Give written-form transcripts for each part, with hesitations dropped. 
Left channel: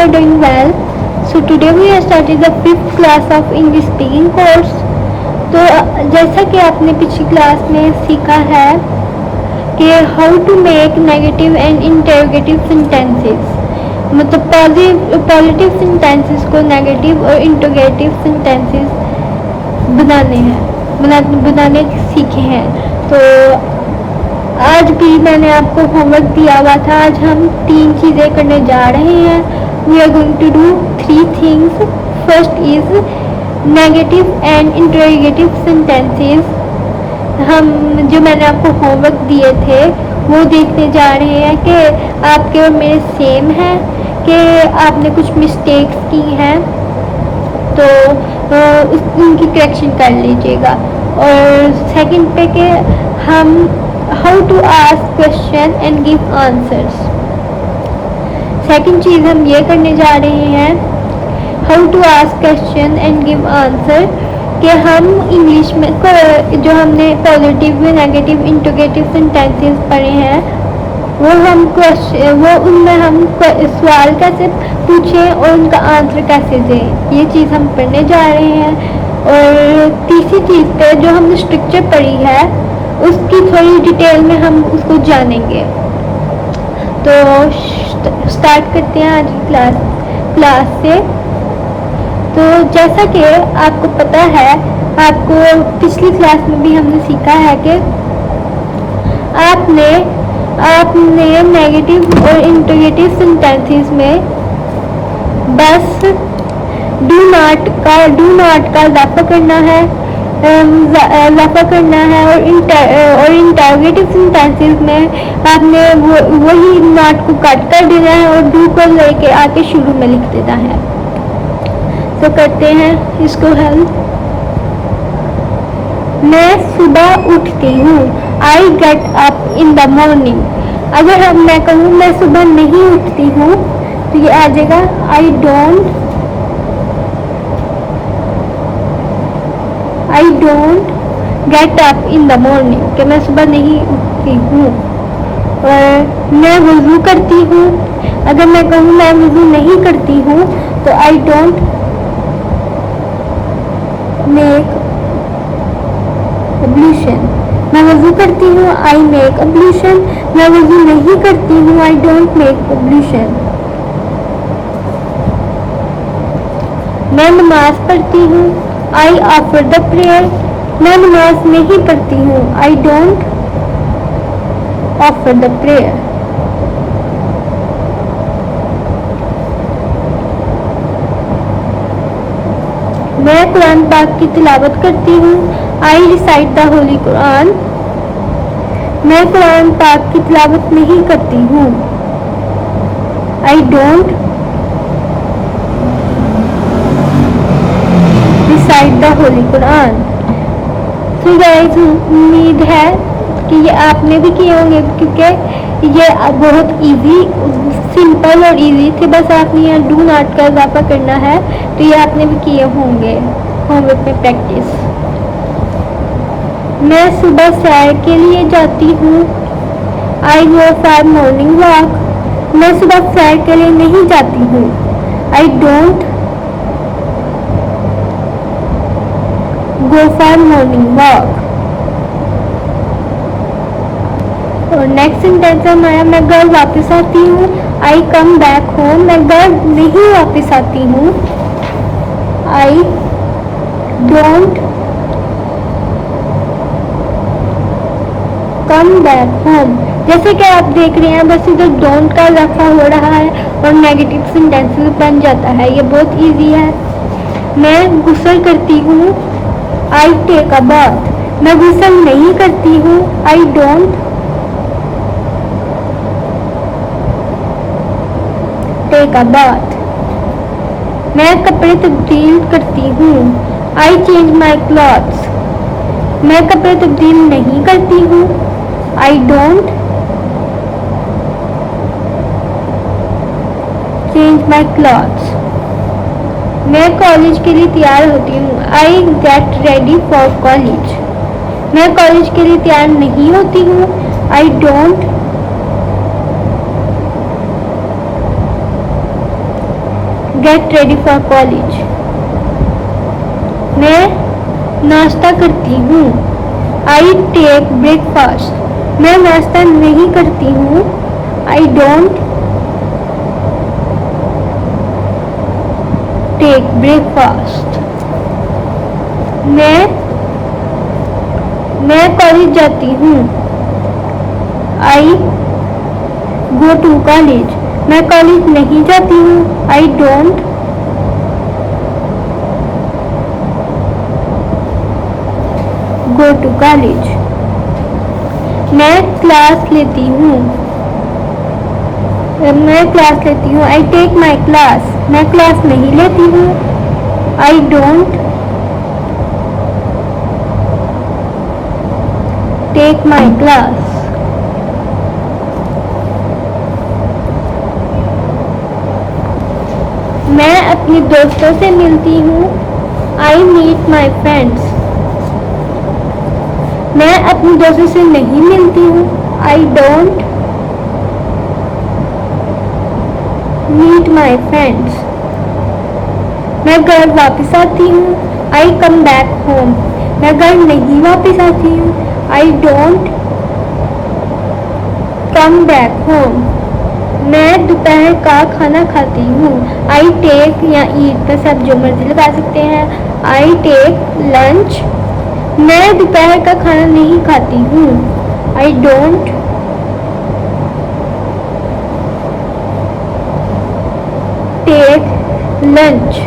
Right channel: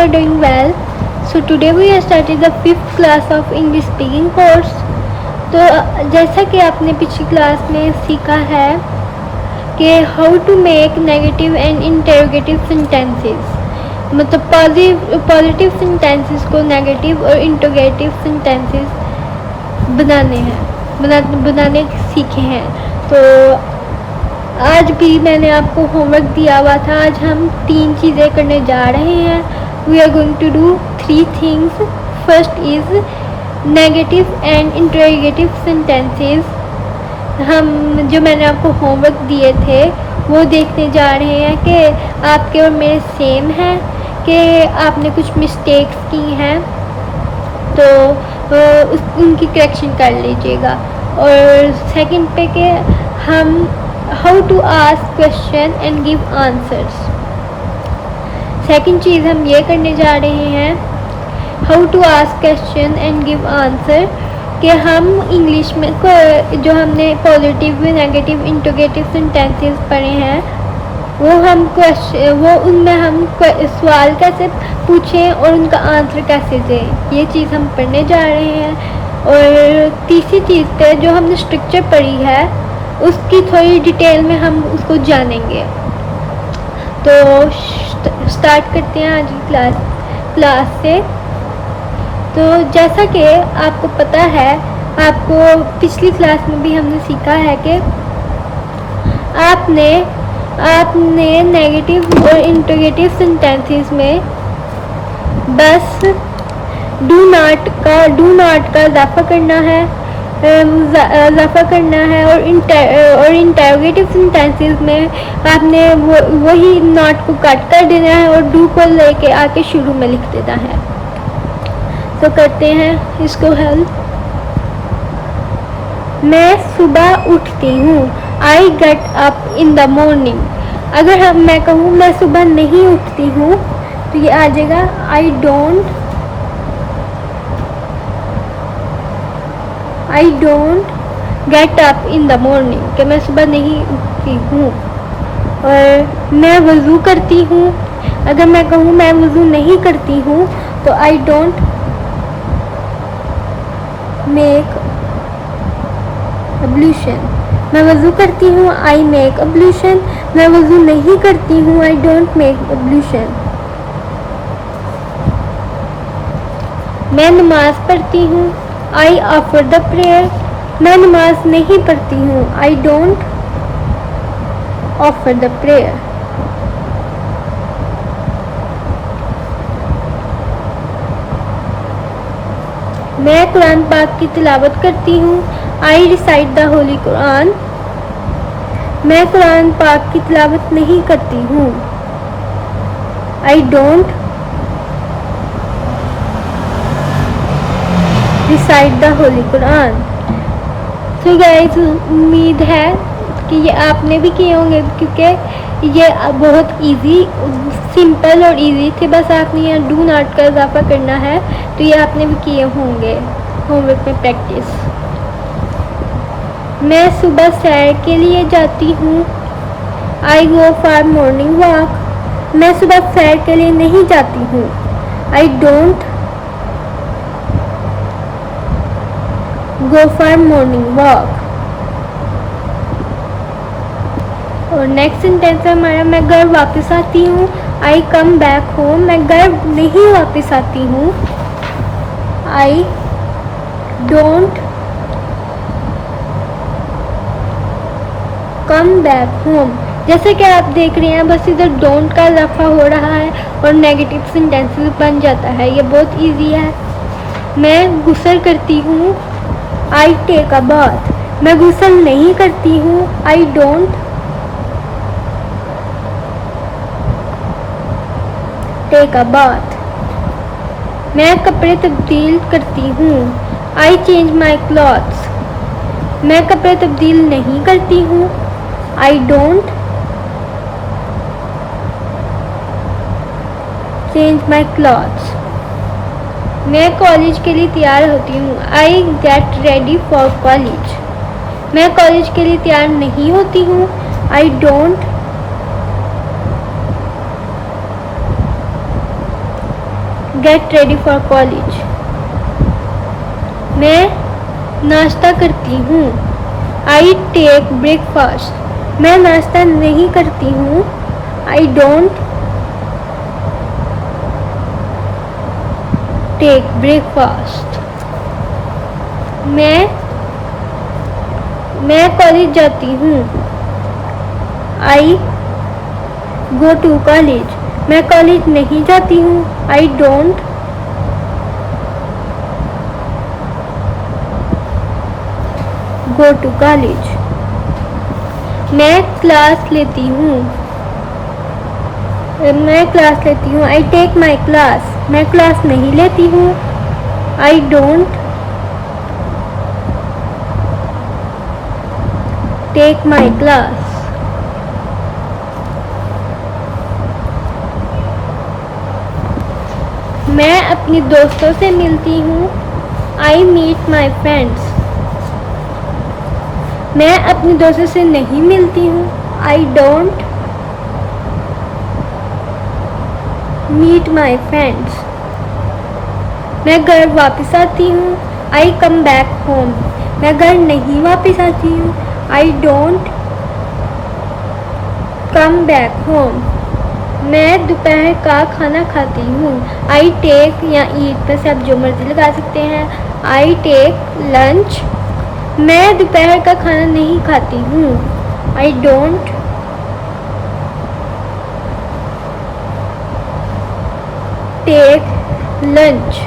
are doing well. So today we are starting the 5th class of English speaking course. तो जैसा कि आपने पिछली क्लास में सीखा है कि how to make negative and interrogative sentences, मतलब पॉजिटिव सेंटेंसेस को नेगेटिव और इंटरोगेटिव सेंटेंसेस बनाने सीखे हैं। तो आज भी मैंने आपको होमवर्क दिया हुआ था। आज हम 3 चीज़ें करने जा रहे हैं। We are going to do 3 things. First is negative and interrogative sentences. हम जो मैंने आपको होमवर्क दिए थे वो देखने जा रहे हैं कि आपके और मेरे सेम हैं कि आपने कुछ मिस्टेक्स की हैं, तो उनकी करेक्शन कर लीजिएगा। और सेकंड पे कि हम how to ask question and give answers. Second चीज़ हम ये करने जा रहे हैं how to ask question and give answer, कि हम इंग्लिश में जो हमने पॉजिटिव नेगेटिव इंटरोगेटिव सेंटेंसेस पढ़े हैं वो उनमें हम सवाल कैसे पूछें और उनका आंसर कैसे दें, ये चीज़ हम पढ़ने जा रहे हैं। और तीसरी चीज़ पे जो हमने स्ट्रक्चर पढ़ी है उसकी थोड़ी डिटेल में हम उसको जानेंगे। तो स्टार्ट करते हैं आज की क्लास से। तो जैसा कि आपको पता है, आपको पिछली क्लास में भी हमने सीखा है कि आपने नेगेटिव और इंटरोगेटिव सेंटेंसेस में बस डू नॉट का इजाफा करना है और इंटरोगेटिव सेंटेंसेस में आपने वही नॉट को कट कर देना है और डू को लेके आके शुरू में लिख देना है। तो करते हैं इसको हल। मैं सुबह उठती हूँ, I get up in the morning. अगर मैं कहूँ मैं सुबह नहीं उठती हूँ तो ये आ जाएगा आई don't get up in the morning, कि मैं सुबह नहीं उठती हूँ। मैं वज़ू करती हूँ, अगर मैं कहूँ मैं वज़ू नहीं करती हूँ तो आई डोंट मेक एब्ल्यूशन। मैं वज़ू करती हूँ आई मेक एब्ल्यूशन, मैं वज़ू नहीं करती हूँ आई डोंट मेक एब्ल्यूशन। मैं नमाज पढ़ती हूँ आई ऑफर द प्रेयर, मैं नमाज नहीं पढ़ती हूँ I don't offer the prayer. मैं कुरान पाक की तिलावत करती हूँ आई रिसाइट द होली कुरान, मैं कुरान पाक की तिलावत नहीं करती हूँ I don't recite the Holi Quran. तो गाइस, उम्मीद है कि ये आपने भी किए होंगे, क्योंकि ये बहुत इजी, सिंपल और इजी थे। बस आपने यहाँ डू नॉट का इजाफा करना है, तो ये आपने भी किए होंगे होमवर्क में प्रैक्टिस। मैं सुबह सैर के लिए जाती हूँ I go for morning walk, मैं सुबह सैर के लिए नहीं जाती हूँ I don't go for morning walk. और नेक्स्ट सेंटेंस हमारा मैं घर वापस आती हूँ आई कम बैक होम, मैं घर नहीं वापस आती हूँ I don't come back home. जैसे कि आप देख रहे हैं, बस इधर डोंट का इजाफा हो रहा है और नेगेटिव सेंटेंसेस बन जाता है। ये बहुत इजी है। मैं गुस्ल करती हूँ आई टेक अ बाथ, मैं गुस्ल नहीं करती हूँ I don't take a bath. मैं कपड़े तब्दील करती हूँ आई चेंज माई क्लॉथ्स, मैं कपड़े तब्दील नहीं करती हूँ I don't change my clothes. मैं कॉलेज के लिए तैयार होती हूँ I get ready for college, मैं कॉलेज के लिए तैयार नहीं होती हूँ I don't get ready for college. मैं नाश्ता करती हूँ। I take breakfast. मैं नाश्ता नहीं करती हूँ। I don't take breakfast. मैं कॉलेज जाती हूँ। I go to college. मैं कॉलेज नहीं जाती हूँ। I don't go to college. मैं क्लास लेती हूँ। I take my class. मैं क्लास नहीं लेती हूँ। I don't take my class. मैं अपने दोस्तों से मिलती हूँ। I meet my friends. मैं अपने दोस्तों से नहीं मिलती हूँ। I don't meet my friends. मैं घर वापस आती हूँ। I come back home. मैं घर नहीं वापस आती हूँ। I don't come back home. मैं दोपहर का खाना खाती हूँ। आई टेक या ईट पे सब जो मर्जी लगा सकते हैं। I take lunch. मैं दोपहर का खाना नहीं खाती हूँ। I don't take lunch.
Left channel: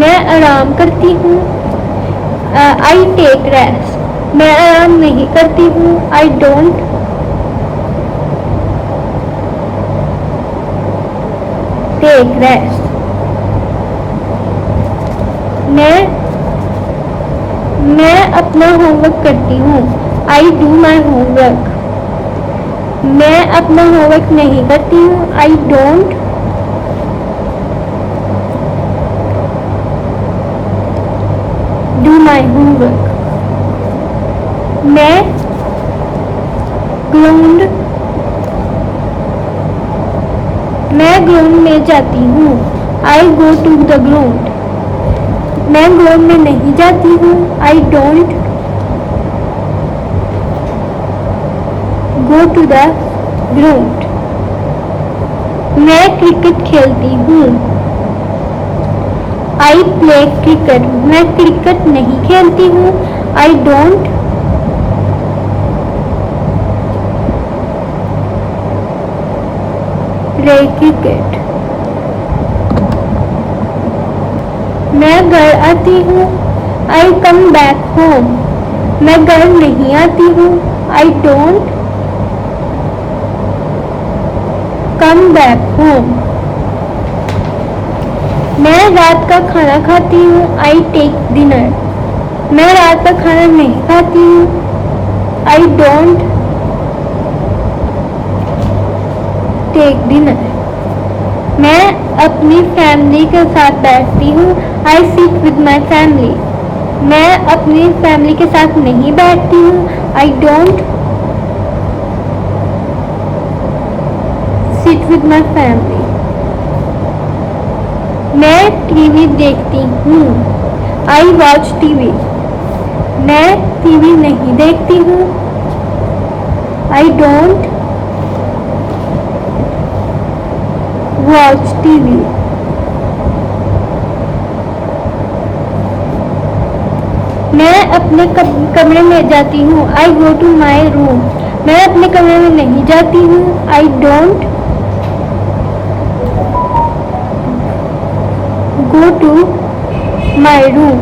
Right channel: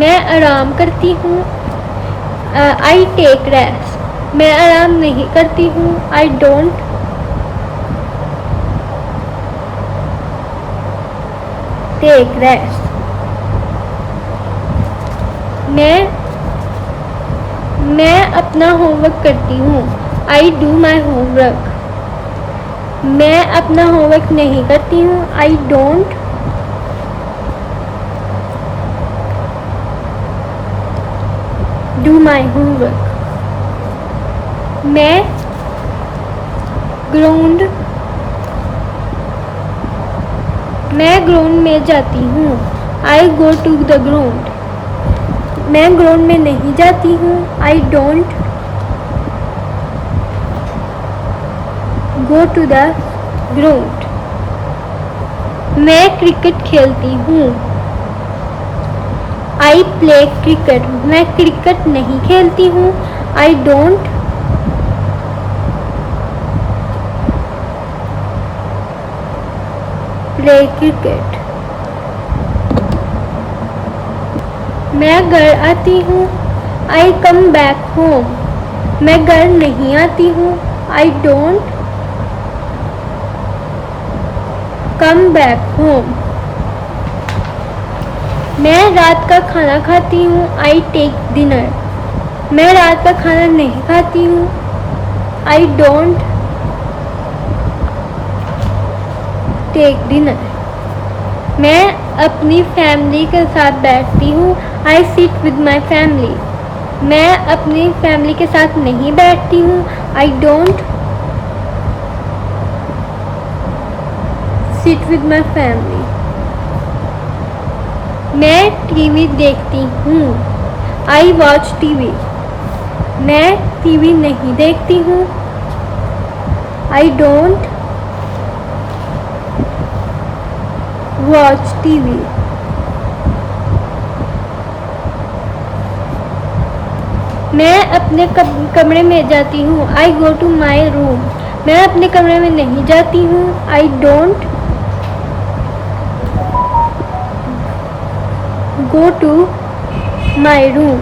मैं आराम करती हूँ। I take rest. मैं आराम नहीं करती हूँ। I don't take rest. मैं अपना होमवर्क करती हूँ। I do my homework. मैं अपना होमवर्क नहीं करती हूँ। I don't do my homework. मैं ग्राउंड में जाती हूँ। I go to the ground. मैं ग्राउंड में नहीं जाती हूँ। I don't go to the ground. मैं क्रिकेट खेलती हूँ। I play cricket. मैं क्रिकेट नहीं खेलती हूँ। I don't play cricket. मैं घर आती हूँ। I come back home. मैं घर नहीं आती हूँ। I don't come back home. मैं रात का खाना खाती हूँ। I take dinner. मैं रात का खाना नहीं खाती हूँ। I don't take dinner. मैं अपनी फैमिली के साथ बैठती हूँ। I sit with my family. मैं अपनी फैमिली के साथ नहीं बैठती हूँ। I don't sit with my family. मैं टीवी देखती हूँ। I watch TV. मैं टीवी नहीं देखती हूँ। I don't watch TV. मैं अपने कमरे में जाती हूँ। I go to my room. मैं अपने कमरे में नहीं जाती हूँ। I don't go to my room.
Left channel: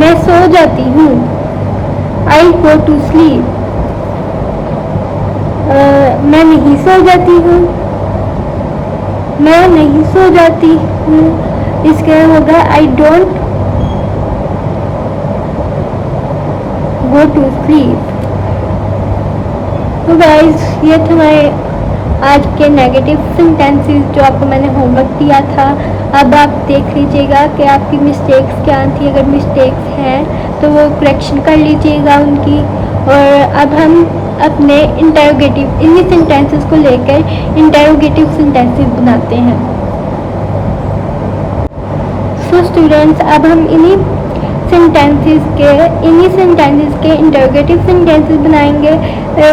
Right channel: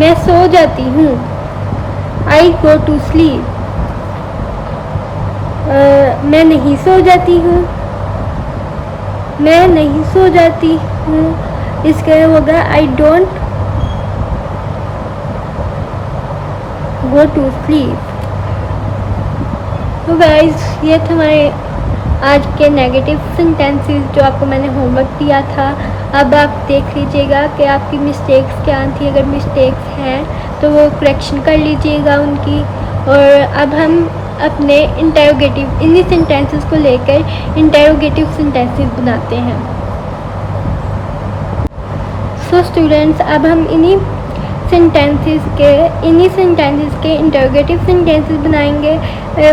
मैं सो जाती हूँ। I go to sleep. मैं नहीं सो जाती हूँ। मैं नहीं सो जाती हूँ। इसका होगा I don't go to sleep. तो गाइस ये थे हमारे आज के नेगेटिव सेंटेंसेस जो आपको मैंने होमवर्क दिया था। अब आप देख लीजिएगा कि आपकी मिस्टेक्स क्या थी। अगर मिस्टेक्स हैं तो वो करेक्शन कर लीजिएगा उनकी। और अब हम अपने इंटेरोगेटिव इन्हीं सेंटेंसेस को लेकर इंटेरोगेटिव सेंटेंसेस बनाते हैं। सो स्टूडेंट्स, अब हम इन्हीं सेंटेंसेस के इंटेरोगेटिव सेंटेंसेस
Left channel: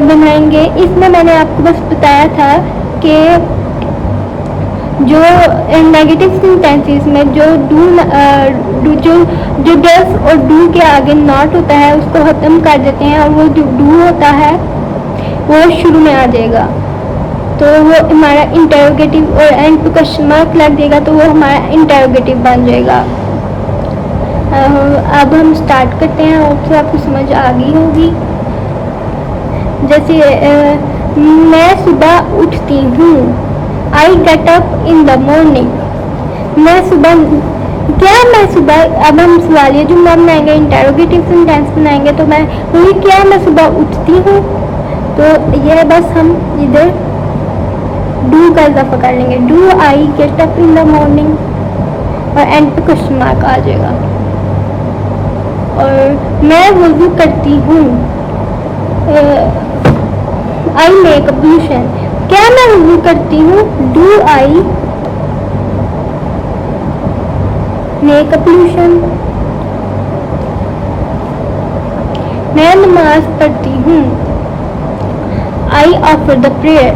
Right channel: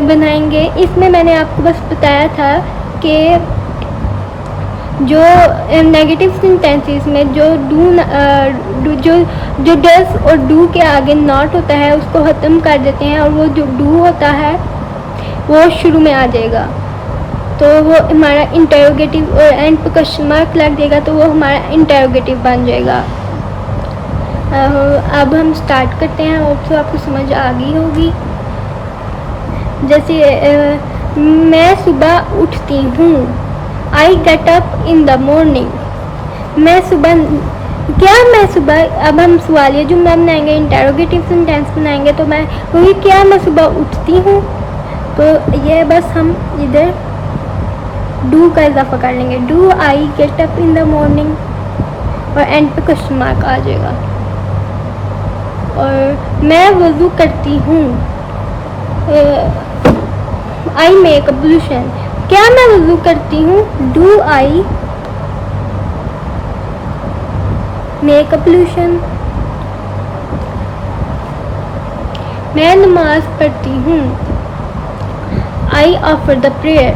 बनाएंगे। इसमें मैंने आपको बस बताया था कि जो नेगेटिव सेंटेंसेस में जो डस और डू के आगे नॉट होता है उसको खत्म कर देते हैं, और वो जो डू होता है वो शुरू में आ जाएगा, तो वो हमारा इंटेरोगेटिव, और एंड पे क्वेश्चन मार्क लग देगा तो वो हमारा इंटेरोगेटिव बन जाएगा। अब हम स्टार्ट करते हैं, और तो आपको समझ आ गई होगी। जैसे मैं सुबह उठती हूँ, I get up in the morning. मैं सुबह, अब हम सवालिया जुमला बनाएंगे, इंटेरोगेटिव सेंटेंस बनाएंगे, तो मैं वही क्या मैं सुबह उठती हूँ, तो ये बस हम इधर डू का इजाफा कर लेंगे, do I get up in the morning, और एंड पे क्वेश्चन मार्क आ जाएगा। और मैं वुज़ू करती हूँ, आई मेक अब्लूशन। क्या मैं वुज़ू करती हूँ, डू आई मेक अब्लूशन। मैं नमाज पढ़ती हूँ, आई ऑफर द प्रेयर।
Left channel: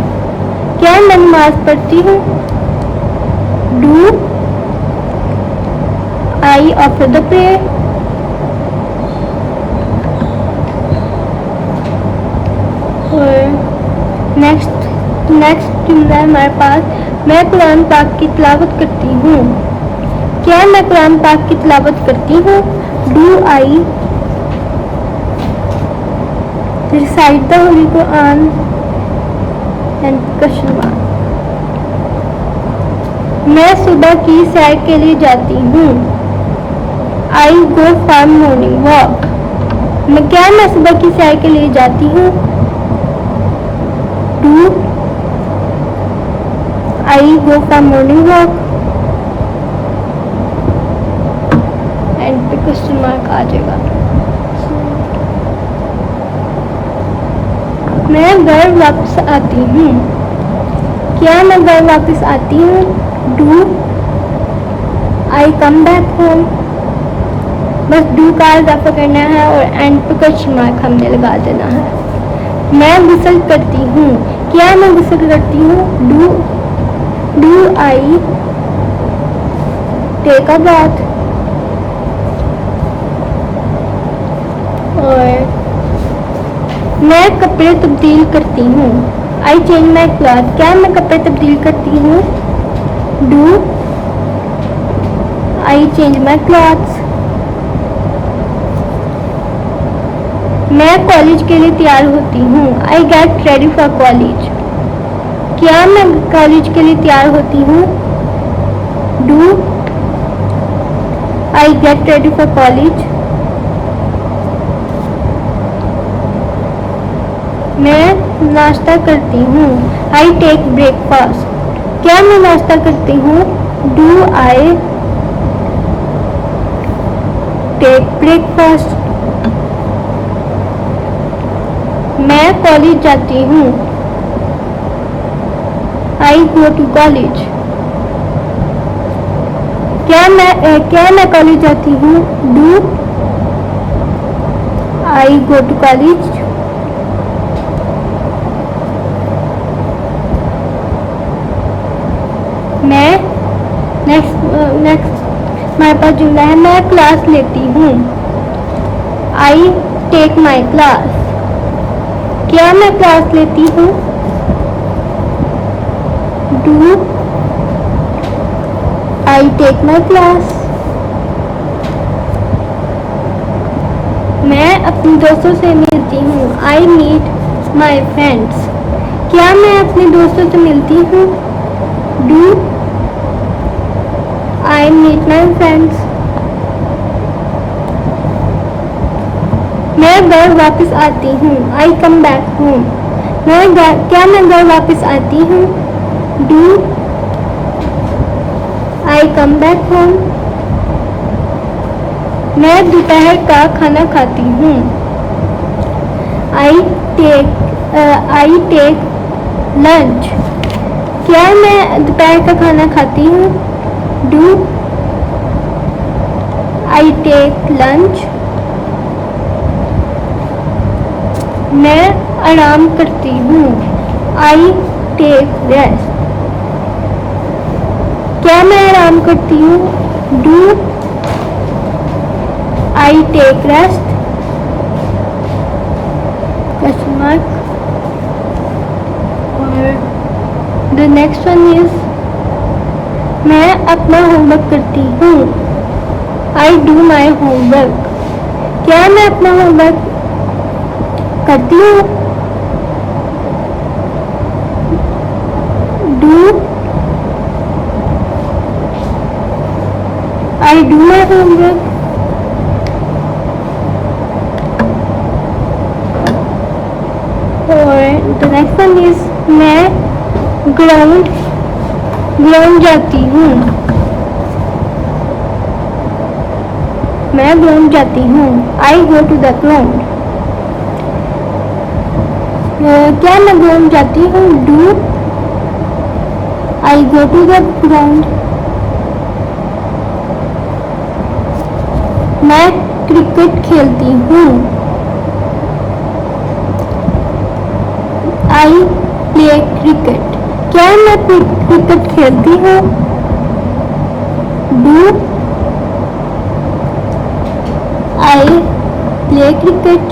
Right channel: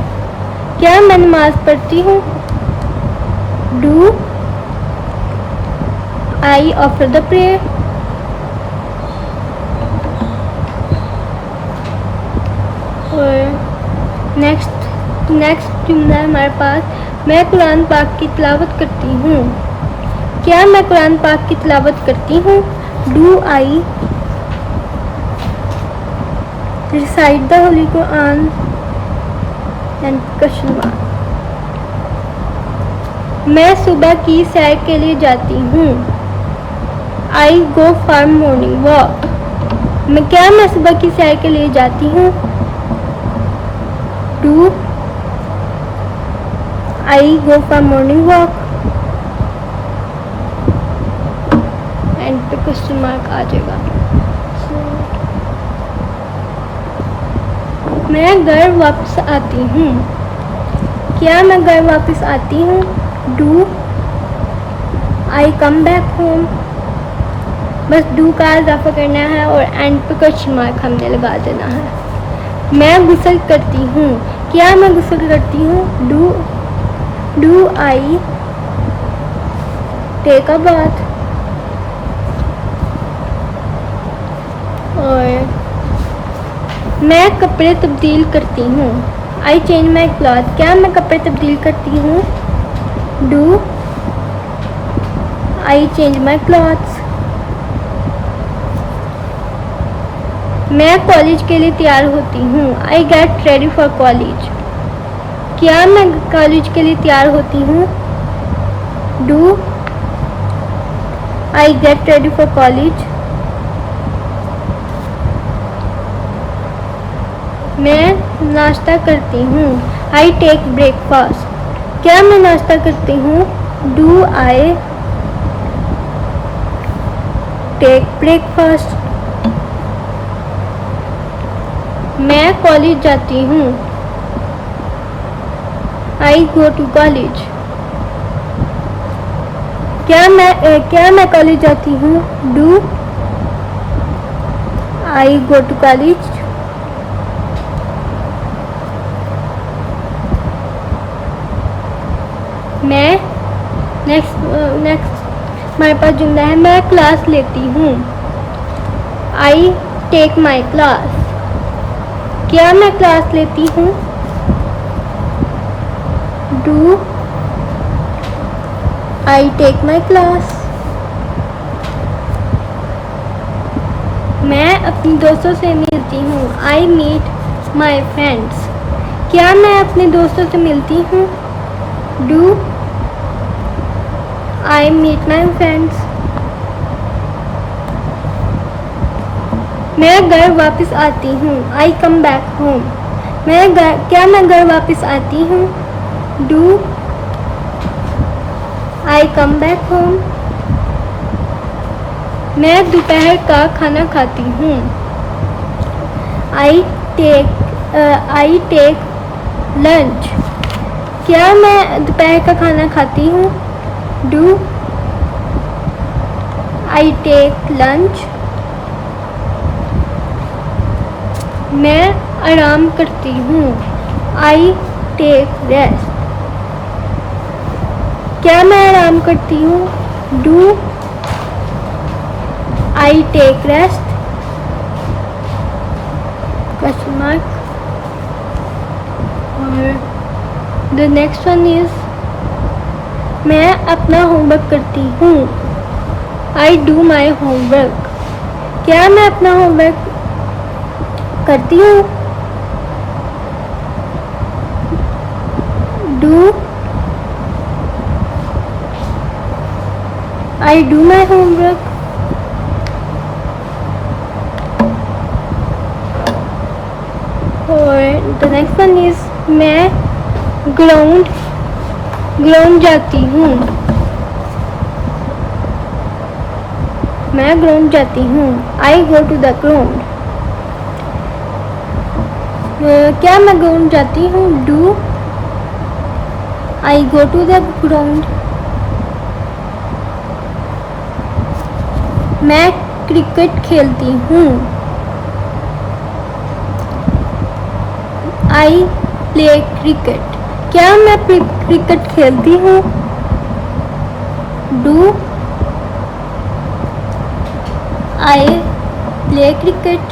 क्या मैं नमाज पढ़ती हूँ, do I offer the prayer. Next जुमला है हमारे पास, मैं कुरान पाक की तिलावत करती हूँ। क्या मैं कुरान पाक की तिलावत करती हूँ, do I recite the Holi Quran and question mark. मैं सुबह की सैर के लिए जाती हूँ, I go for morning walk. क्या मैं सुबह की सैर के लिए जाती हूँ, do I go for morning walk, and पे क्वेश्चन मार्क आ जाएगा। मैं घर वापस आती हूँ, क्या मैं घर वापस आती हूँ, do I come back home. बस डू का इजाफा करना है और एंड पे क्वेश्चन मार्क हमने लगा देना है। मैं गुस्ल करती हूँ, क्या मैं गुस्ल करती हूँ, do I take a bath. और मैं कपड़े तब्दील करती हूँ, आई चेंज माई क्लॉथ। क्या मैं कपड़े तब्दील करती हूँ, do I change my clothes. मैं कॉलेज के लिए तैयार होती हूँ, I get ready for college. क्या मैं कॉलेज के लिए तैयार होती हूँ, do I get ready for college. मैं नाश्ता करती हूँ, आई टेक ब्रेकफास्ट। क्या मैं नाश्ता करती हूँ, डू आई टेक ब्रेकफास्ट। मैं कॉलेज जाती हूँ, आई गो टू कॉलेज। क्या मैं कॉलेज जाती हूँ, do I go to college. मैं नेक्स्ट हमारे पास जुमला है, मैं क्लास लेती हूँ, आई टेक माई क्लास। क्या मैं क्लास लेती हूँ, do I take my class. मैं अपने दोस्तों से मिलती हूँ, आई मीट माई फ्रेंड्स। क्या मैं अपने दोस्तों से मिलती हूँ, do I meet my friends. मैं घर वापस आती हूँ, आई कम बैक होम। क्या मैं घर वापस आती हूँ, do I come back home. मैं दोपहर का खाना खाती हूँ, I take I take lunch. क्या मैं दोपहर का खाना खाती हूँ? Do I take lunch. मैं आराम करती हूँ। I take rest. क्या मैं आराम करती हूँ? Do I take rest. Question mark. और द नेक्स्ट वन इज मैं अपना होमवर्क करती हूँ। I do my homework. क्या मैं अपना होमवर्क करती हूँ? Do I do my homework. और द नेक्स्ट वन इज मैं ग्राउंड जाती हूँ। मैं ग्राउंड जाती हूँ। I go to the ground. क्या मैं ग्राउंड जाती हूँ? Do I go to the ground. मैं क्रिकेट खेलती हूँ। I play cricket. क्या मैं क्रिकेट खेलती हूँ? Do I play cricket.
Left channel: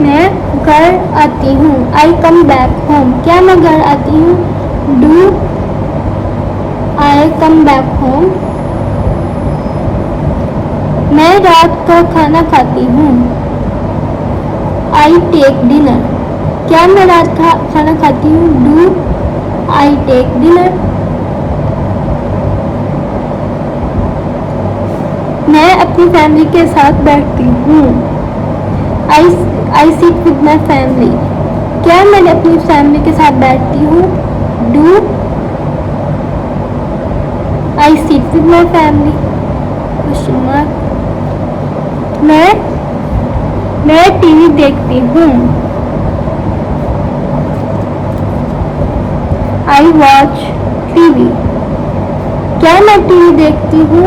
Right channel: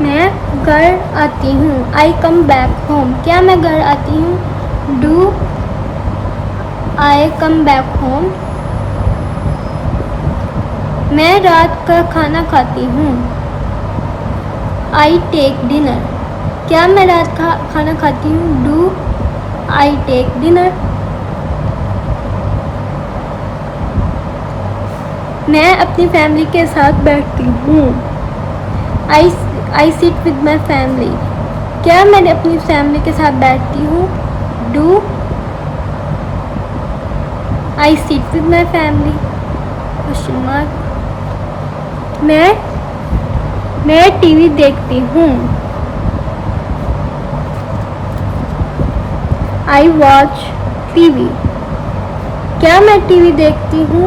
मैं घर आती हूँ। I come back home. क्या मैं घर आती हूँ? Do I come back home. मैं रात का खाना खाती हूँ। I take dinner. क्या मैं रात का खाना खाती हूँ? Do I take dinner. मैं अपनी फैमिली के साथ बैठती हूँ। I sit with my family. क्या मैं अपनी फैमिली के साथ बैठती हूँ? Do I sit with my family. Question mark. मैं टीवी देखती हूँ। I watch TV. क्या मैं टीवी देखती हूँ?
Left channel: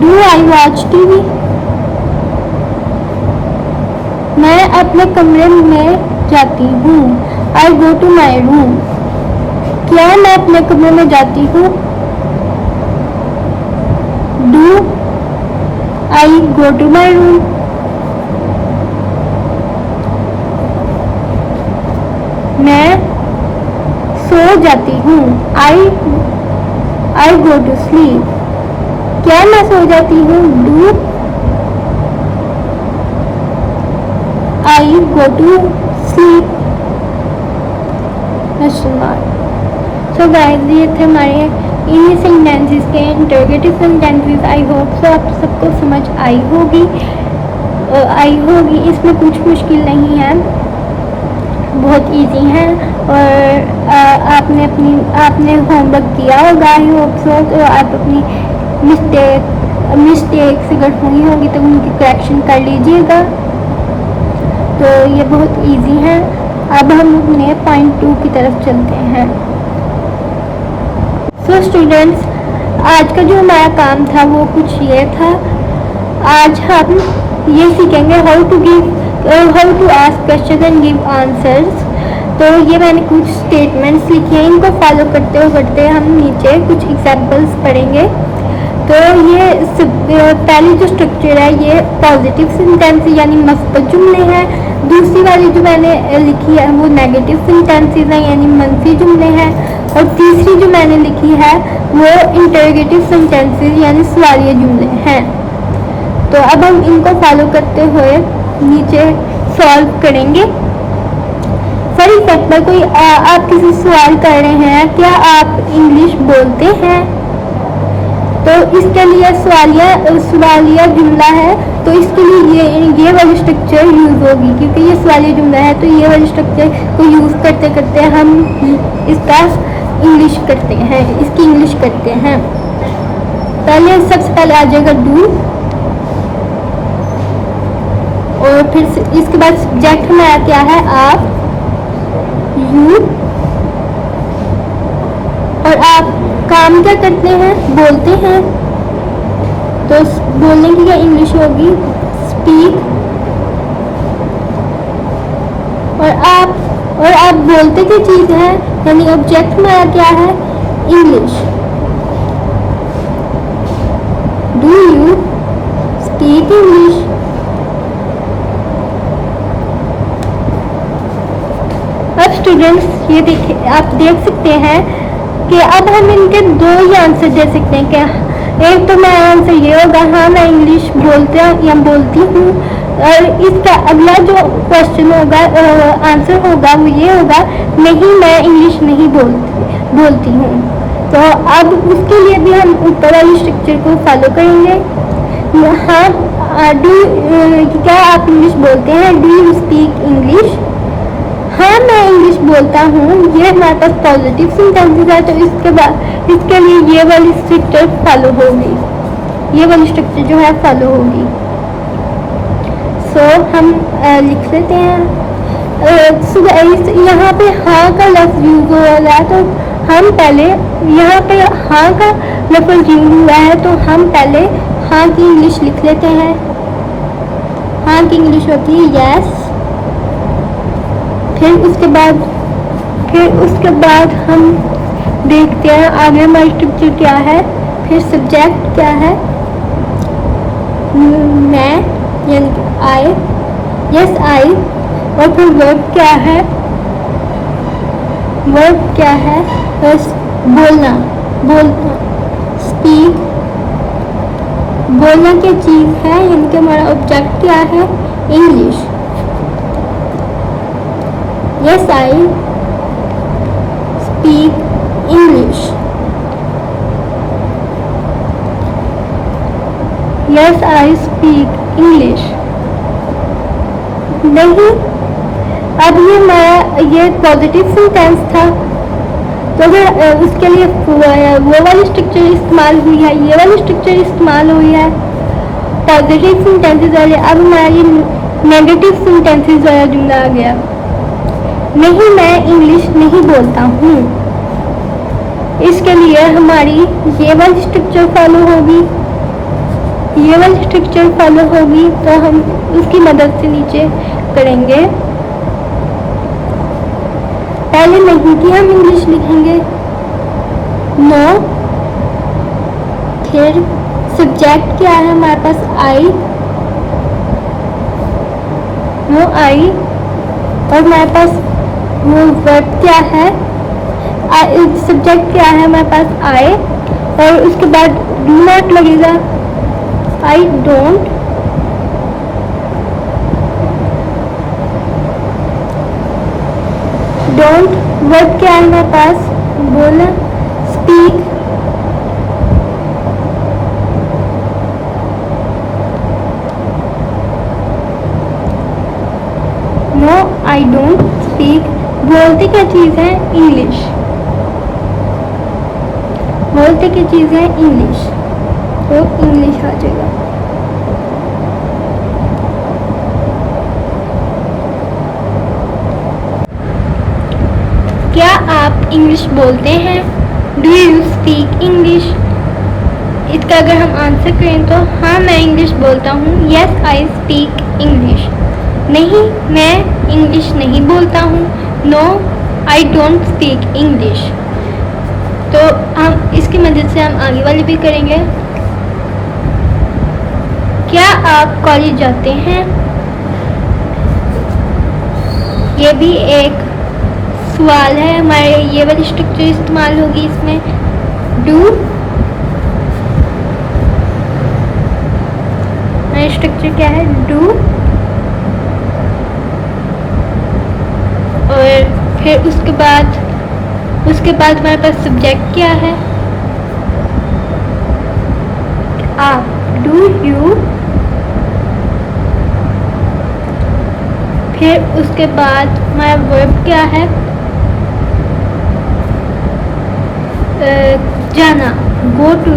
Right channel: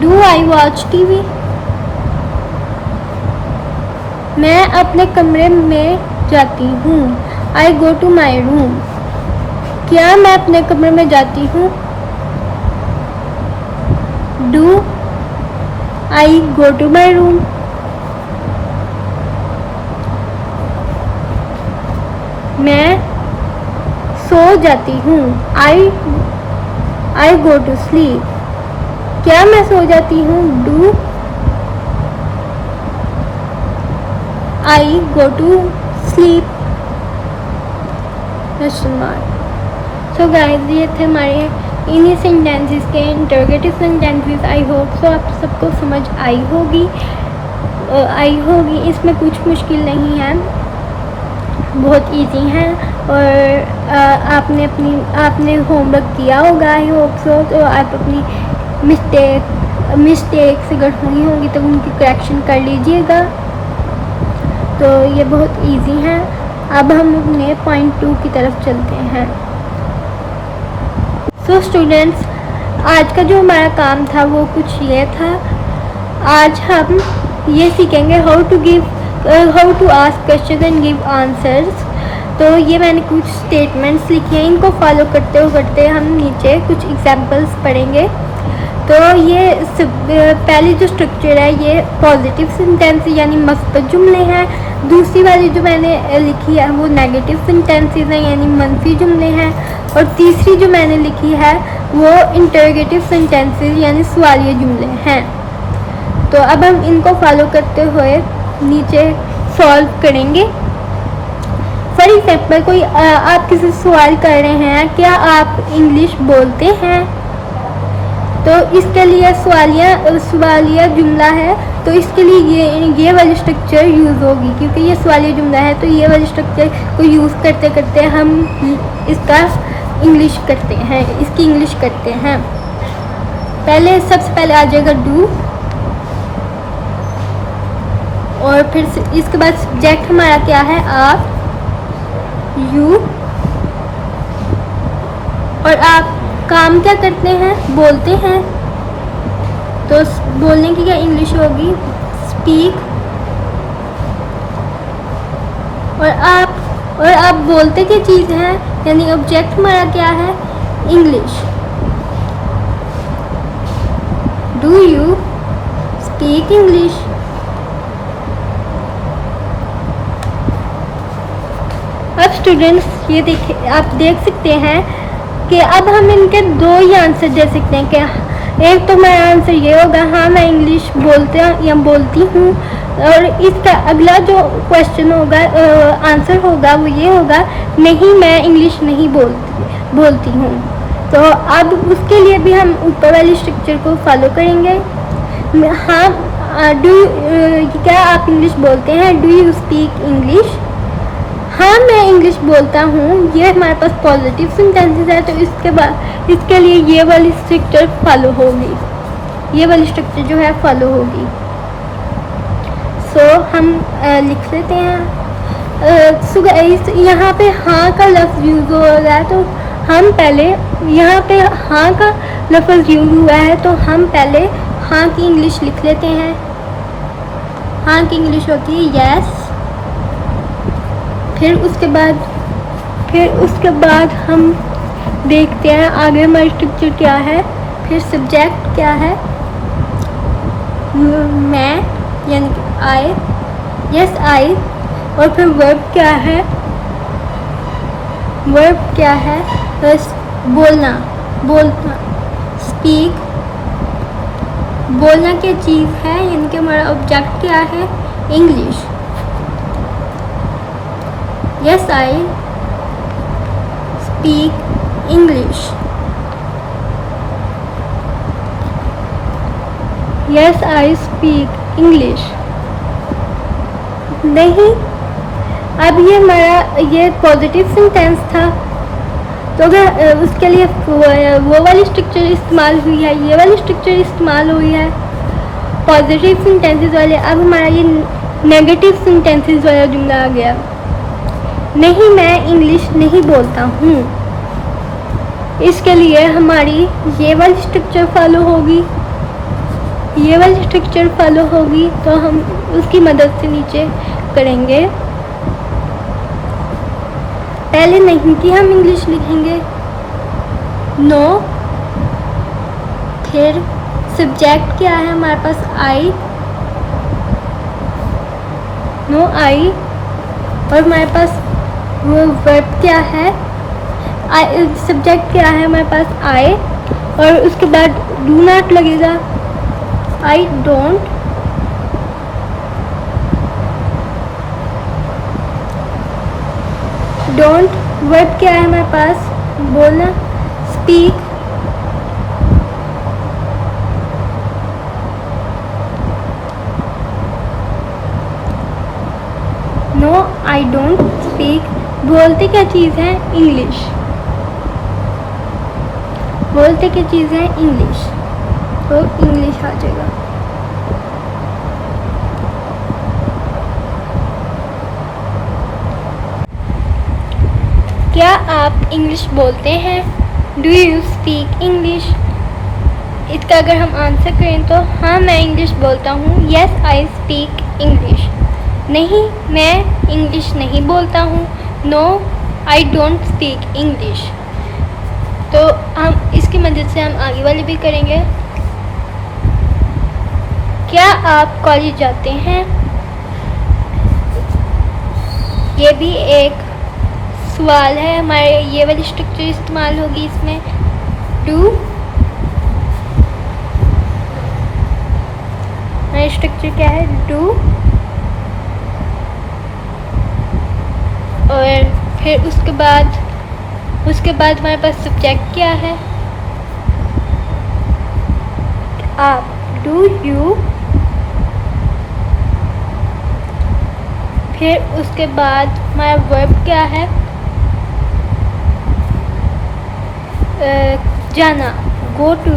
Do I watch TV. मैं अपने कमरे में जाती हूँ। I go to my room. क्या मैं अपने कमरे में जाती हूँ? Do I go to my room. मैं सो जाती हूँ। I go to sleep. क्या मैं सो जाती हूँ? Do I go to sleep. Question mark. So guys, ये थे हमारे इन्हीं सेंटेंसेस के interrogative sentences. I hope so आप सबको समझ आई होगी। इसमें कुछ मुश्किल नहीं है, बहुत इजी है। और आपने होमवर्क किया होगा। आई होप सो। तो आप अपनी मिस्टेक्स अगर हुई होगी तो उनकी करेक्शन कर लीजिएगा। तो ये बहुत इजी है। अब हम अपने पॉइंट 2 की तरफ चलते हैं। सो स्टूडेंट्स, आज का जो हमारा काम था वो कुछ ये था। आज हम ये सीखेंगे how to ask question and give answers. तो ये मैंने कुछ स्टेटमेंट्स लिखी हैं, इनको फॉलो करते हम नीचे कुछ एग्जाम्पल्स पढ़ेंगे। तो ये पहले जो स्ट्रक्चर है ये पॉजिटिव सेंटेंस यानी मस्बत जुमले हैं। दूसरी वाली जो मैंने लिखी है वो नेगेटिव सेंटेंसेस हैं यानी मनफी जुमले हैं। और तीसरी जो मैंने लिखी है वो इंटरोगेटिव सेंटेंसेस यानी सवालिया जुमले हैं। तो अब हम इनको फॉलो करते हुए नीचे सॉल्व करेंगे। फॉर एग्जाम्पल, कोई आप किसी सवाल कर रहे हैं, क्या आप इंग्लिश बोलते हैं? तो इसके लिए सवालिया जुमला है, तो इसके लिए ये वाली स्ट्रक्चर यूज होगी, क्योंकि ये सवालिया जुमला है। तो ये वाली स्ट्रक्चर को यूज करते करते हम इसकी इंग्लिश करते हैं। सबसे पहले आ जाएगा डू, और फिर इसके बाद सब्जेक्ट हमारा क्या है, आप, यू, और आप काम क्या करते हैं, बोलते हैं। तो बोलने की क्या इंग्लिश होगी, स्पीक। और आप बोलते की चीज है, यानी ऑब्जेक्ट हमारा क्या है, English. Do you speak English. अब स्टूडेंट्स ये देखिए, आप देख सकते हैं कि अब हम इनके दो ही आंसर दे सकते हैं। क्या, एक तो मेरा आंसर ये होगा, हाँ मैं इंग्लिश बोलता या बोलती हूँ, और इसका अगला जो क्वेश्चन होगा, आंसर होगा, वो ये होगा, नहीं मैं इंग्लिश नहीं बोलती हूँ। तो अब उसके लिए भी हम ऊपर वाली स्ट्रक्चर को फॉलो करेंगे। हाँ, क्या आप इंग्लिश बोलते हैं, डू यू स्पीक इंग्लिश। हाँ मैं इंग्लिश बोलता हूँ, ये हमारे पास पॉजिटिव सेंटेंसेस है, तो इसके लिए ये वाली स्ट्रक्चर फॉलो होगी, ये वाली स्ट्रक्चर जो है फॉलो होगी। सो हम लिख लेते हैं। यहाँ पे हाँ का लफ्ज यूज हो रहा है, तो हम पहले यहाँ पे हाँ का लफ्ज यूज हुआ है, तो हम पहले हाँ की इंग्लिश लिख लेते हैं। हाँ की इंग्लिश होती है यस। फिर उसके बाद हम देखते हैं आगे हमारी स्ट्रक्चर क्या है। फिर सब्जेक्ट क्या है, मैं यानी आई, यस आई। और फिर वर्ब क्या है, बस बोलना, स्पीक। बोलना क्या चीज़ है, यानी कि हमारा ऑब्जेक्ट क्या है, English. Yes, I speak English. Yes, I speak English. नहीं, अब ये पॉजिटिव सेंटेंस था, तो अगर उसके लिए वो वाली स्ट्रक्चर इस्तेमाल हुई है, ये वाली स्ट्रक्चर इस्तेमाल हुई है, पॉजिटिव सेंटेंसेस वाले। अब हमारा ये नेगेटिव सेंटेंसेस वाला जुमला आ गया, नहीं मैं इंग्लिश नहीं बोलता हूँ। इसके लिए हमारी ये वाली स्ट्रक्चर फॉलो होगी, ये वाली स्ट्रक्चर फॉलो होगी, तो हम उसकी मदद से नीचे करेंगे। पहले नहीं कि हम इंग्लिश लिखेंगे, नो। फिर सब्जेक्ट क्या है हमारे पास, आई, नो आई। और हमारे पास वर्ब क्या है, सब्जेक्ट क्या है हमारे पास, आई। और उसके बाद डू नॉट लगेगा, आई डोंट। वर्ब क्या है हमारे पास, बोलना, speak. No I don't speak. बोलते क्या चीज़ है, इंग्लिश। बोलते की चीज़ है इंग्लिश, तो इंग्लिश आ जाएगा। क्या आप इंग्लिश बोलते हैं, डू यू स्पीक इंग्लिश। इसका अगर हम आंसर करें तो हाँ मैं इंग्लिश बोलता हूँ, यस आई स्पीक इंग्लिश। नहीं मैं इंग्लिश नहीं बोलता हूँ, no I don't speak English. तो हम इसकी मदद से हम आगे वाली भी करेंगे। क्या आप कॉलेज जाते हैं, ये भी एक सवाल है, हमारे ये वाली स्ट्रक्चर इस्तेमाल होगी इसमें, डू। हमारी स्ट्रक्चर क्या है, डू। और फिर उसके बाद हमारे पास सब्जेक्ट क्या है, आप, डू यू। फिर उसके बाद हमारा वर्ब क्या है, जाना, गो टू।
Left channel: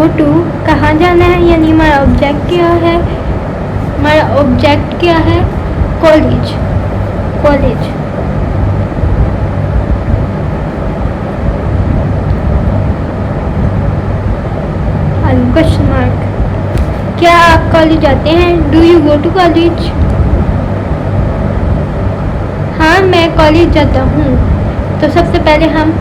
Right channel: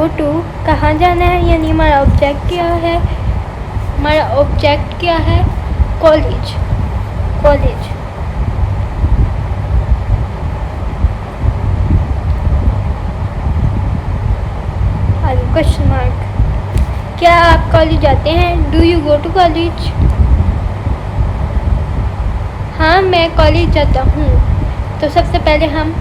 गो टू कहाँ जाना है, यानी हमारा ऑब्जेक्ट क्या है, हमारा ऑब्जेक्ट क्या है, कॉलेज, कॉलेज। क्वेश्चन मार्क, क्या आप कॉलेज जाते हैं, do you go to college. हाँ मैं कॉलेज जाता हूँ। तो सबसे पहले हम,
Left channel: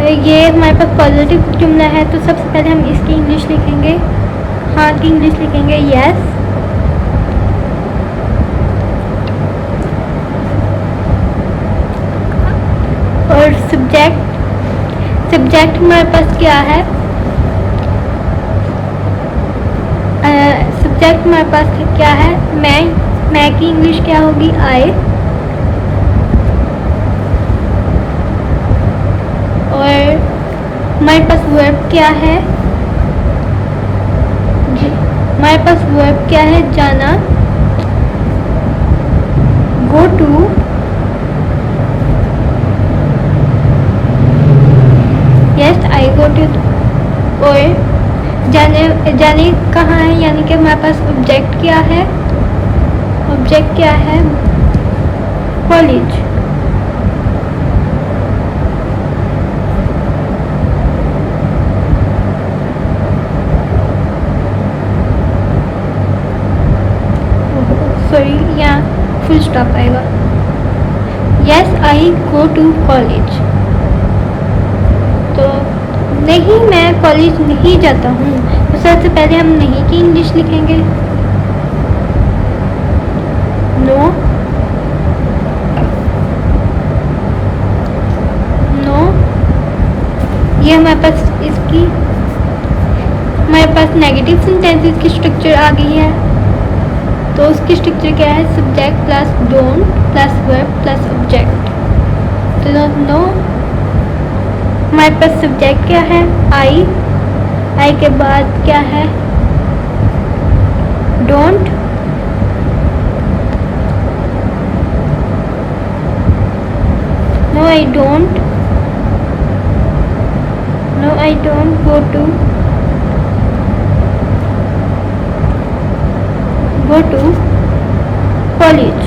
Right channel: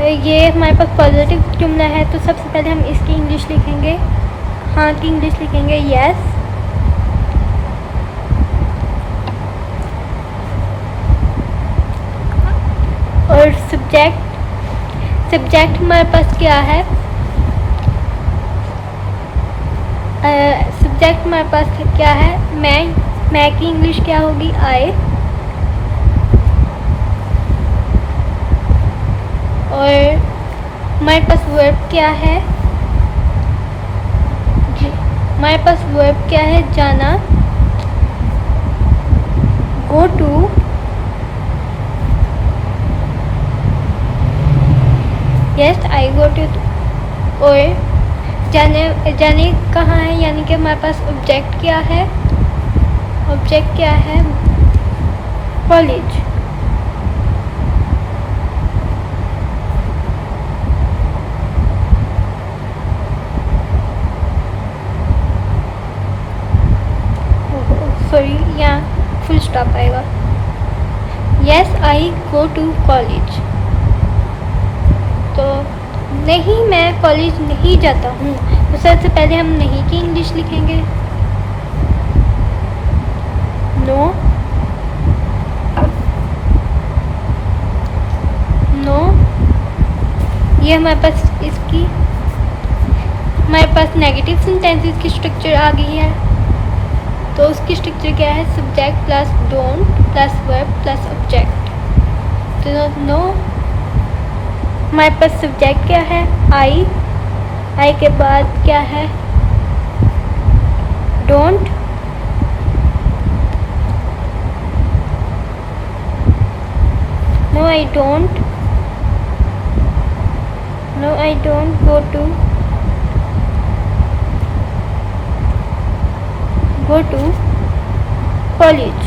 ये हमारे पास पॉजिटिव जुमला है, तो सबसे पहले हम इसकी इंग्लिश लिखेंगे, हाँ की इंग्लिश लिखेंगे यस। और सब्जेक्ट, सब्जेक्ट हमारे पास क्या है, सब्जेक्ट हमारे पास क्या है, मैं की इंग्लिश क्या होगी, आई। और हमारे पास वर्ब क्या है, हमारे पास वर्ब क्या है, जाना, go to. Yes I go to. और जाने कहाँ है, यानी कि हमारे पास ऑब्जेक्ट क्या है, ऑब्जेक्ट क्या है, कॉलेज। सॉरी यहाँ फुल स्टॉप आएगा। Yes I go to college. तो नहीं मैं कॉलेज नहीं जाता हूँ, तो सबसे पहले हम नहीं की इंग्लिश लिखेंगे, नो, नो। ये हमारे पास इसकी, हमारे पास नेगेटिव सेंटेंसेस की स्ट्रक्चर आ गई है। तो उसकी स्ट्रक्चर क्या है, subject plus don't plus verb plus object. तो नो, हमारे पास सब्जेक्ट क्या है, आई, आई के बाद क्या है, don't, no I don't, no I don't go to college.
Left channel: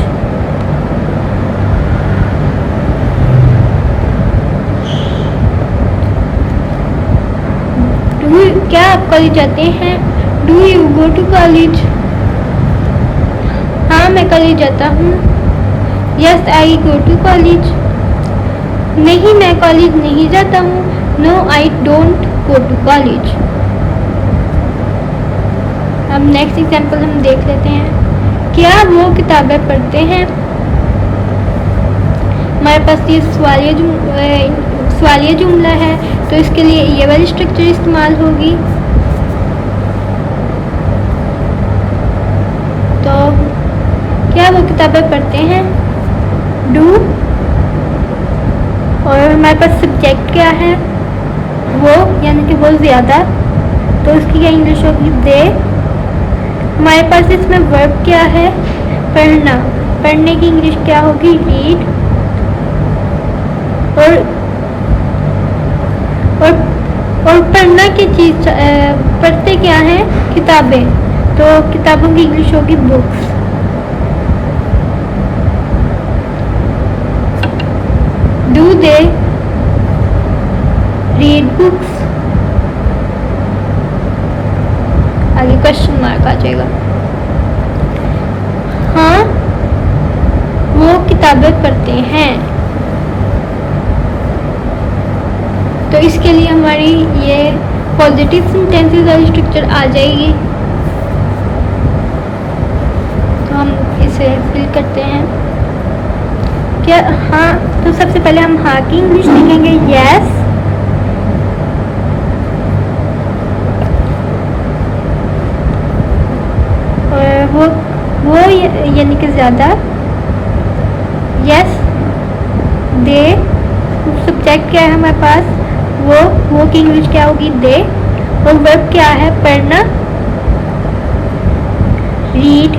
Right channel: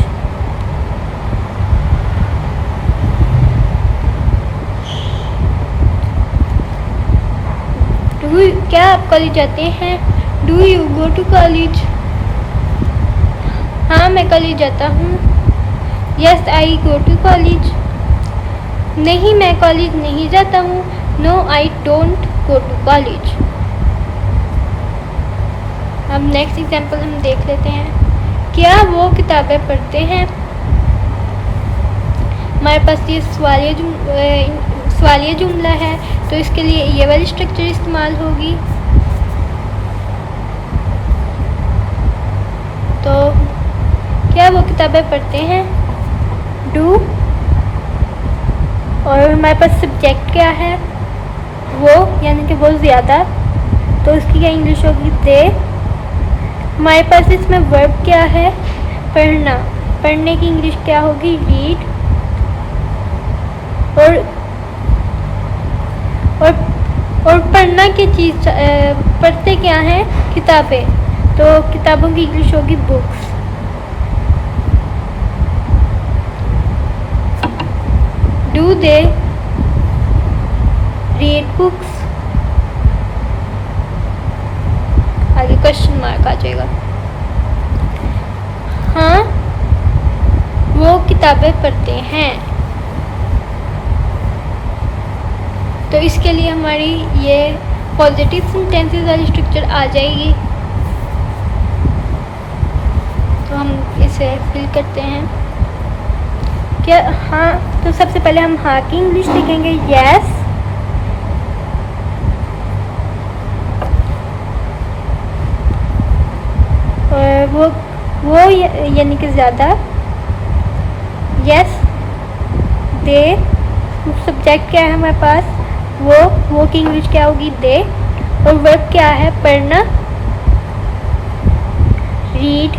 क्या आप कॉलेज जाते हैं, do you go to college. हाँ मैं कॉलेज जाता हूँ, yes I go to college. नहीं मैं कॉलेज नहीं जाता हूँ, no I don't go to college. अब नेक्स्ट एग्जाम्पल हम देख लेते हैं, क्या वो किताबें पढ़ते हैं। हमारे पास ये सवालिया जुमला है, तो इसके लिए ये वाली स्ट्रक्चर इस्तेमाल होगी। तो क्या वो किताबें पढ़ते हैं, डू। और हमारे पास सब्जेक्ट क्या है, वो, यानी कि वो ज़्यादा, तो उसकी क्या इंग्लिश होगी, दे। हमारे पास इसमें वर्ब क्या है, पढ़ना, पढ़ने की इंग्लिश क्या होगी, रीड। और पढ़ना की चीज़, पढ़ते क्या हैं, किताबें, तो किताबों की इंग्लिश होगी books. Do they read books. आगे क्वेश्चन मार्क आ जाएगा। हाँ वो किताबें पढ़ते हैं। तो इसके लिए हमारी ये पॉजिटिव सेंटेंसेस वाली स्ट्रक्चर आ जाएगी। तो हम इसे फिल करते हैं। क्या, हाँ, तो सबसे पहले हम हाँ की इंग्लिश लिखेंगे, यस। और वो यानी कि ज़्यादा, यस। दे, सब्जेक्ट क्या है हमारे पास, वो की इंग्लिश क्या होगी, दे। और वर्ब क्या है, पढ़ना, रीड।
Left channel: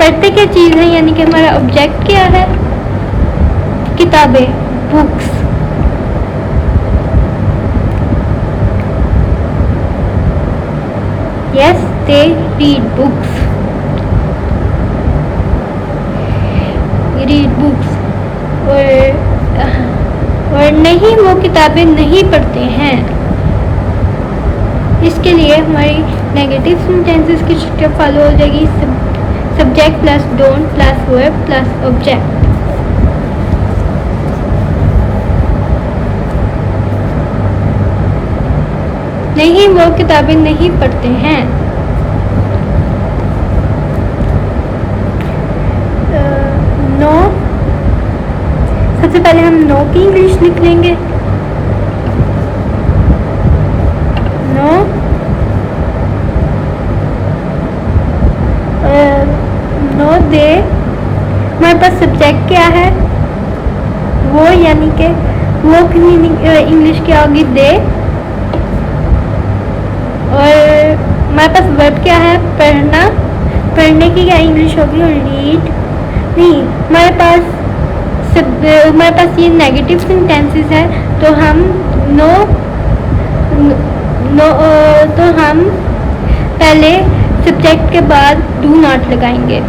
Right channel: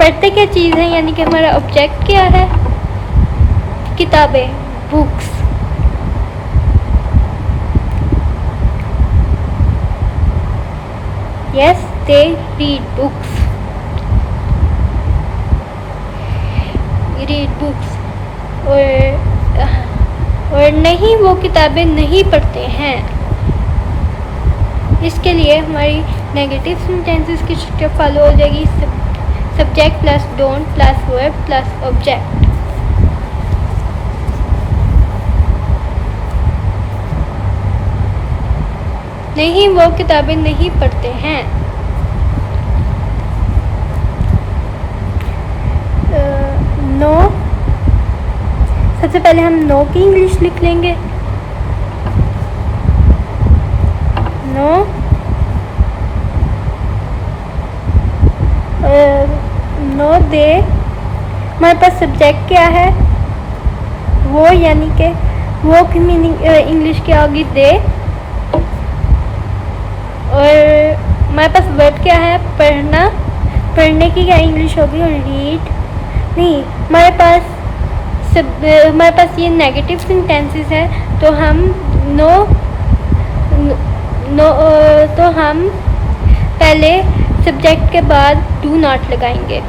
पढ़ते क्या चीज़ है, यानी कि हमारा ऑब्जेक्ट क्या है, किताबें, books. they read books. Read books. और नहीं, वो किताबें नहीं पढ़ते हैं। इसके लिए हमारी नेगेटिव सेंटेंसेस की स्ट्रक्चर फॉलो हो जाएगी। Subject plus don't plus verb plus object. नहीं, वो किताबें नहीं पढ़ते हैं। नो, सबसे पहले हम नो की इंग्लिश लिख लेंगे। नो, नो दे। हमारे पास सब्जेक्ट क्या है? वो, यानी कि वो की मीनिंग इंग्लिश क्या होगी? दे। और हमारे पास वर्ब क्या है? पढ़ना। पढ़ने की क्या इंग्लिश होगी? रीड। नहीं, हमारे पास ये नेगेटिव सेंटेंसेस है, तो हम तो हम पहले सब्जेक्ट के बाद डू नॉट लगाएंगे।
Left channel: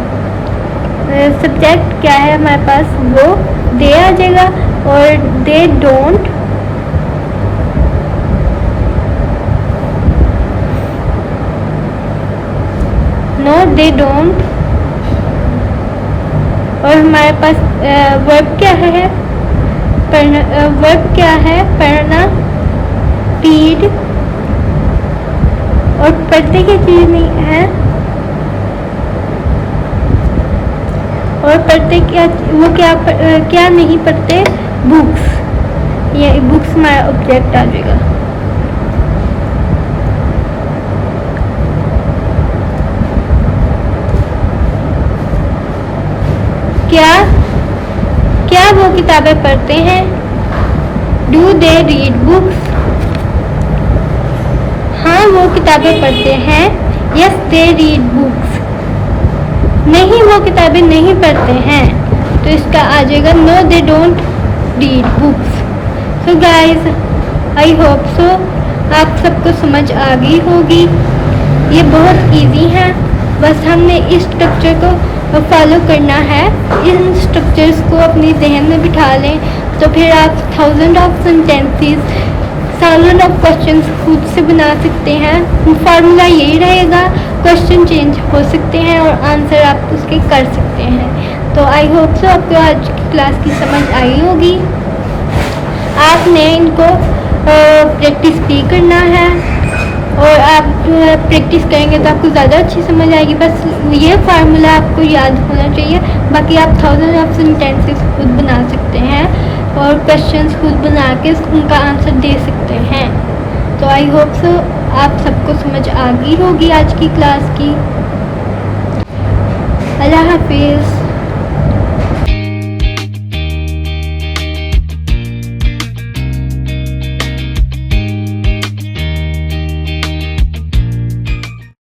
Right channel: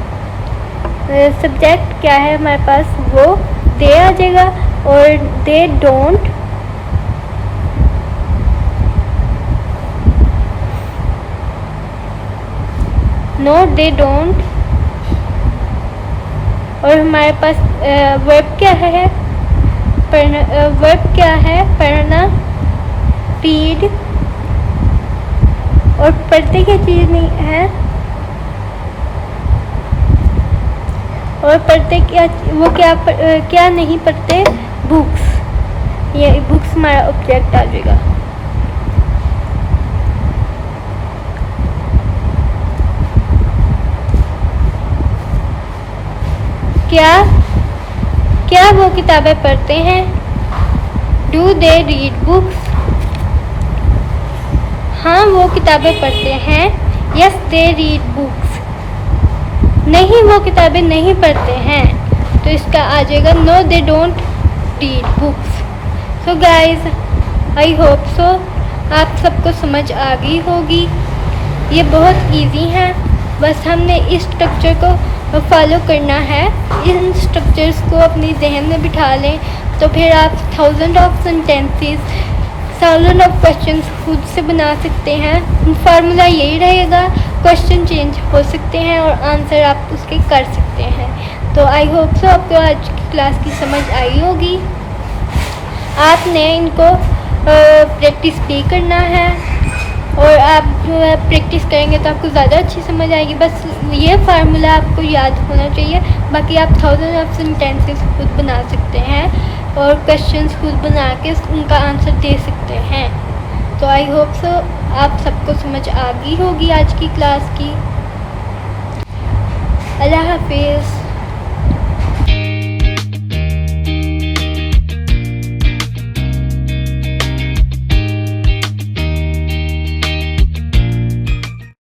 सब्जेक्ट क्या है हमारे पास? वो, दे आ जाएगा। और they don't, no they don't. और हमारे पास वर्ब क्या है? पढ़ना। वर्ब क्या है? पढ़ना, रीड। और पढ़ते क्या चीज़ नहीं है? और पढ़ते क्या, वो क्या नहीं पढ़ते? बुक्स। ये बुक्स हमारा ऑब्जेक्ट आ जाएगा। क्या वो किताबें पढ़ते हैं? Do they read books? हाँ, वो किताबें पढ़ते हैं। Yes they read books. नहीं, वो किताबें नहीं पढ़ते हैं, तो इसका आ जाएगा no they don't read books. So guys, I hope so आप सबको समझ आ गई होगी। ये बहुत इजी है, बस हमने इस स्ट्रक्चर को फॉलो करना है। इन स्ट्रक्चर्स को अपने जहन में बिठा लें, तो फिर आप 1000 ऑफ सेंटेंसेस, 1000 ऑफ क्वेश्चंस खुद से बना सकते हैं। फार्मूला यही रहेगा, क्वेश्चन चेंज हो सकते हैं और आंसर आप उसके कर सकते हैं। तो आई होप सो आपको आज की क्लास की समझ आई होगी। आपने इनको प्रैक्टिस भी करना है, और आप प्रैक्टिस करेंगे तो आपको ज़्यादा अच्छी समझ आएगी। बस ये फार्मूला आपको याद होना चाहिए। बाकी आप 1000 ऑफ सेंटेंसेस खुद बना सकते हैं और क्वेश्चंस खुद बना के उनका आंसर दे सकते हैं। तो आई होप सो आप सबको समझ आ गई होगी आज की क्लास की। अल्लाह हाफिज़।